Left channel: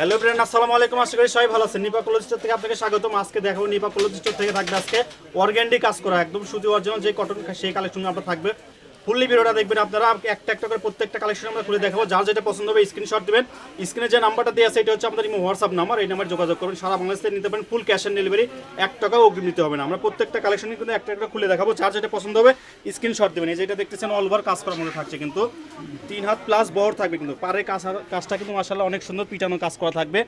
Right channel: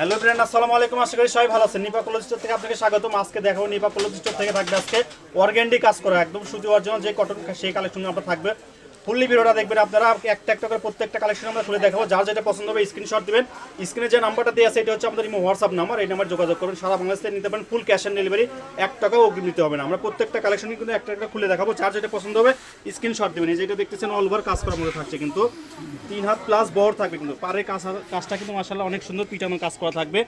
Hello friend, আসসালামু আলাইকুম। আশা করি সবাই ভালো আছেন। নিপা ক্লোথ স্টোর থেকে আপনাকে স্বাগতম। আজকে দেখাবো নিপা ক্লোথ স্টোর থেকে থাকবে আজকে অর্গানডি কাজ করা একদম সুতি অরিজিনাল যে কটন সেই কালেকশন আপনার থাকবে। ফুললি ভিডিওটা দেখবেন আপনারা, একটা একটা করে প্রত্যেকটা কালেকশন আমরা খুলে দেখাবো। যার যেটা পছন্দ হবে স্ক্রিনশট দিবেন। স্ক্রিনে যে নাম্বারটা দেওয়া আছে এটা হচ্ছে আমাদের হোয়াটসঅ্যাপ নাম্বার, এই নাম্বার যোগাযোগ করবেন। সারা বাংলাদেশ থেকে নিতে পারেন, ফুল ক্যাশ অন ডেলিভারি, 1 টাকাও অগ্রিম দিতে হবে না। আমরা প্রত্যেকটা কালেকশন কিন্তু একটা একটা খুলে দেখাবো। যার যেটা পছন্দ হবে স্ক্রিনশট দেবেন। এই যেটা দেখতেছেন অল ওভার কাজ করার মধ্যে থাকছে, কিন্তু 3 হাত প্লাস বহর থাকবে, কিন্তু পারে কাজটা কিন্তু মাশাআল্লাহ অনেক সুন্দর পিটানো কাজ করা থাকবে।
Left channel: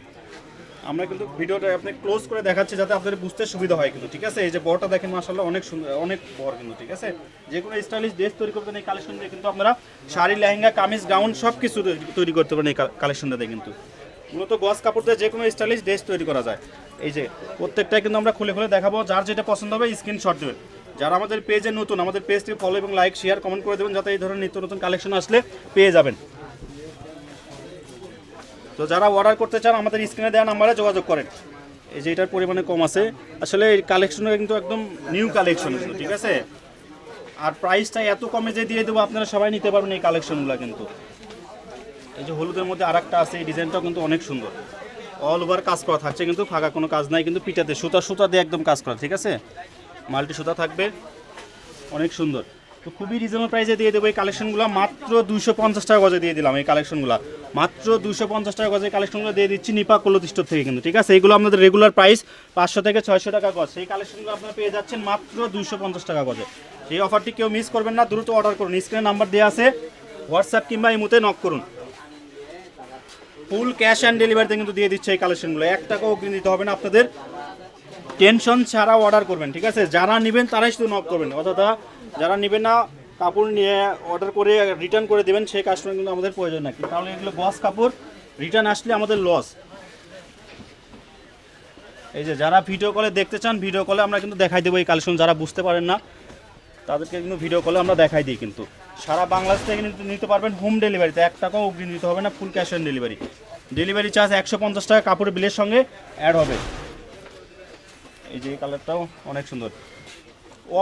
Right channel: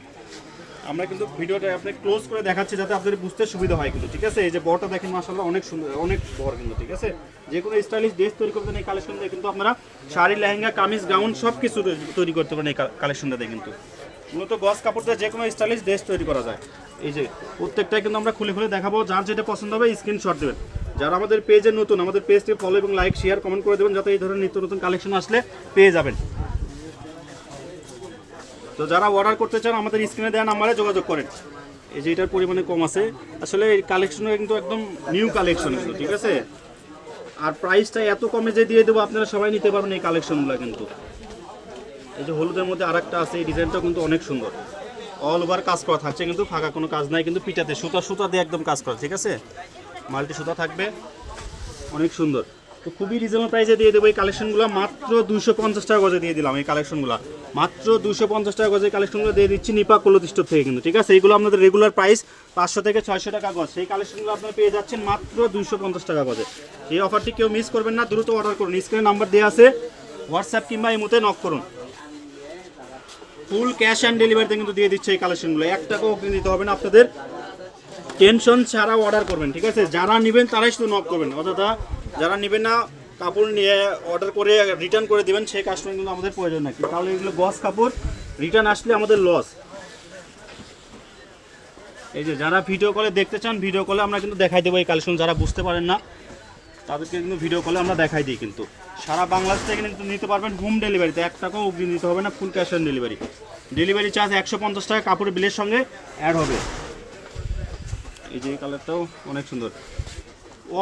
আমরা কিন্তু ভিডিওটা আপনি ক্লোজ করে দেখাচ্ছি যাতে আপনাদের বুঝতে সুবিধা হয় কিন্তু, ঠিক আছে। এই যে বড়টা দেখেন মাশাআল্লাহ অনেক সুন্দর, অনেক বড় কিন্তু, ঠিক আছে। যে কোনো স্টাইলিশ ড্রেস তৈরি করতে এই কালেকশন দিয়ে কিন্তু আপনারা শাড়ি, লেহেঙ্গা, কামিজ, গাউন সব কিছু তৈরি করতে পারেন এই কালেকশনটাতে। কিন্তু মূলত গস কাপড় দিয়ে যে কোনো স্টাইলিশ ড্রেস তৈরি করা যায়। এই যে প্রত্যেকটাই কিন্তু আমরা খুলে খুলে দেখাবো। যার যেটা পছন্দ হবে স্ক্রিনশট দেবেন। যারা আমাদের পেজে নতুন, আমাদের পেজটি ফলো এবং লাইক, শেয়ার, কমেন্ট করে দেবেন, যাতে এই ধরনের নিত্য নতুন কালেকশন আসলে পেয়ে যাবেন। তো যারা অর্ডার করতে চান আমাদের স্ক্রিনে দেওয়া নাম্বারে যোগাযোগ করেন। এই যে এটার পরিমাণে কম আছে, আসলে এই কালেকশনটা কিন্তু একদম নিউ কালেকশন, ঠিক আছে। আর প্রাইসটা এত কমে যে দিয়ে দেবো আপনারা সবাই নিতে পারবেন এই কালেকশনগুলো কিন্তু। এই যে হলুদের মধ্যে আরেকটা আছে, এই ডিজাইনটাও কিন্তু অনেক সুন্দর। অল ওভার কাজ করা থাকছে, কিন্তু ফাঁকা কোনো কাজ নাই, কিন্তু পিটাতে সুতা দিয়ে একদম কাজ করা, ঠিক আছে। মাল্টি সুতা থাকবে, অনেক সুন্দর। তো খুবই রিজনেবল প্রাইসে দিয়ে দেবো এই কালেকশনগুলো। মাত্র 250 টাকা গজে দিয়ে দিলাম এই কালেকশনগুলো। মাত্র 250 টাকা গজে কালেকশনগুলো দিয়ে দিচ্ছি নিপা ক্লোথ স্টোর থেকে কিন্তু, ঠিক আছে। এইগুলো আমাদের রেগুলার প্রাইস 500 থেকে 600 টাকা গজ। সেই কালেকশনগুলো আপনারা পেয়ে যাচ্ছেন মাত্র 250 টাকা গজে। এই অফারটি কেউ মিস করবেন না, দ্রুত অর্ডার করুন। স্ক্রিনে নাম্বার দেওয়া আছে, হোয়াটসঅ্যাপ কিংবা ইমোতে নক করুন। ফুল ক্যাশ অ্যান্ড ডেলিভারিতে কিন্তু দিয়ে দিচ্ছে এই কালেকশনগুলো। 1 টাকাও অগ্রিম দিতে হবে না আপনাদের, টেনশন ছাড়াও অর্ডার করবেন, ঠিক আছে। যারা নেবেন তারাই শুধু নক করবেন, অর্থাৎ যারা নেবেন না কাপড় নিয়ে অর্ডার করে রিটার্ন করে দেবেন সেই কাস্টমার কিন্তু আমাদের প্রয়োজন নাকি, তাহলে এগুলো গস কাপড় রিটার্ন আসলে আমাদের লস। এই যে যারা ভিডিও কলে দেখতে চান, ভিডিও কলে আমরা কিন্তু দেখাই দেবো এই কালেকশন। যারা বুঝতে পারেন না তাদেরকে কিন্তু ভিডিও কলে আমরা দেখাই দিই কিন্তু। সারা বাংলাদেশ থেকে কিন্তু নিতে পারবেন হোম ডেলিভারিতে, 1 টাকাও অগ্রিম দিতে হবে না, full cash on delivery. Delivery charge 150 টাকা কাপড়ের বিলের সঙ্গে অ্যাড হবে। এই যে কালারটাও অনেক সুন্দর,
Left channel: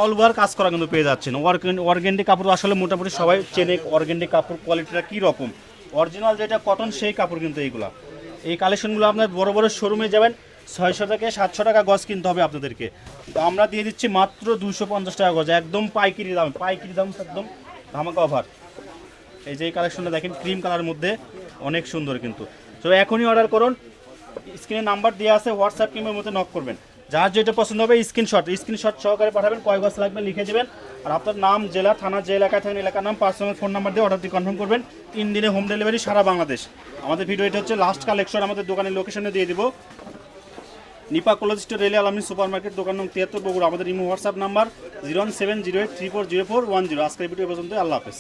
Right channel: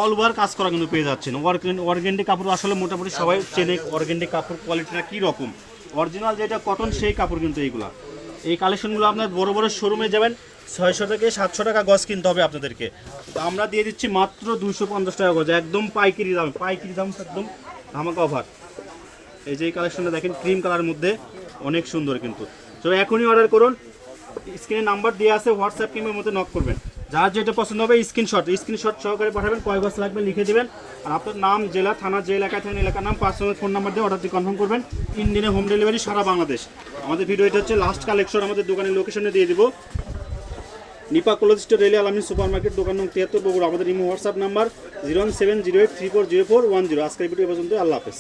অল ওভার কাজ করা কিন্তু পেয়ে যাচ্ছেন। অর্গানডি কাপড় আসলে মোটামুটি সবাই চেনে অর্গানডি কাপড় কোয়ালিটিটা কী রকম। অরিজিনাল যেটা কটন সেই কাপড় কিন্তু এইগুলো। এই কালেকশনগুলো আপনার বড় বড় শোরুমে যাবেন 600 থেকে 700 টাকা গজ কিনতে হবে আপনাদেরকে, তো আমরা দিয়ে দিচ্ছি মাত্র 250 টাকা গজ, একদম পাইকারি দাম। পাইকারি দাম একদম ধামাকা অফার। এই যে এই কালেকশনটা দেখেন ক্রিম কালার মধ্যে অনেক সুন্দর কিন্তু। তো এখনই অর্ডার করুন, স্ক্রিনে নাম্বার দেওয়া আছে, হোয়াটসঅ্যাপ কিংবা মধ্যে নক করবেন। যার যেটা পছন্দ হবে স্ক্রিনশট সহকারে পাঠাবেন, কয় গজ লাগবে লিখে দেবেন। আর আপনার নাম, জেলা, থানা, যে এলাকায় থাকেন এলাকার নাম, পার্সোনাল ফোন নাম্বার দিয়ে অর্ডারটি কনফার্ম করবেন। 3 দিনে হোম ডেলিভারি সারা বাংলাদেশ। আমাদের ভিডিও এটা হচ্ছে লাস্ট কালেকশন, আমাদের দোকানের লোকেশনে দিয়ে দিব। নিপা ক্লোথ স্টোর, রেলি আলামিন সুপার মার্কেট, দোকান নং 73 বগুড়া। আমাদের হোয়াটসঅ্যাপ নাম্বার 01708340410। আজকের ভিডিও পর্যন্ত, আল্লাহ হাফেজ।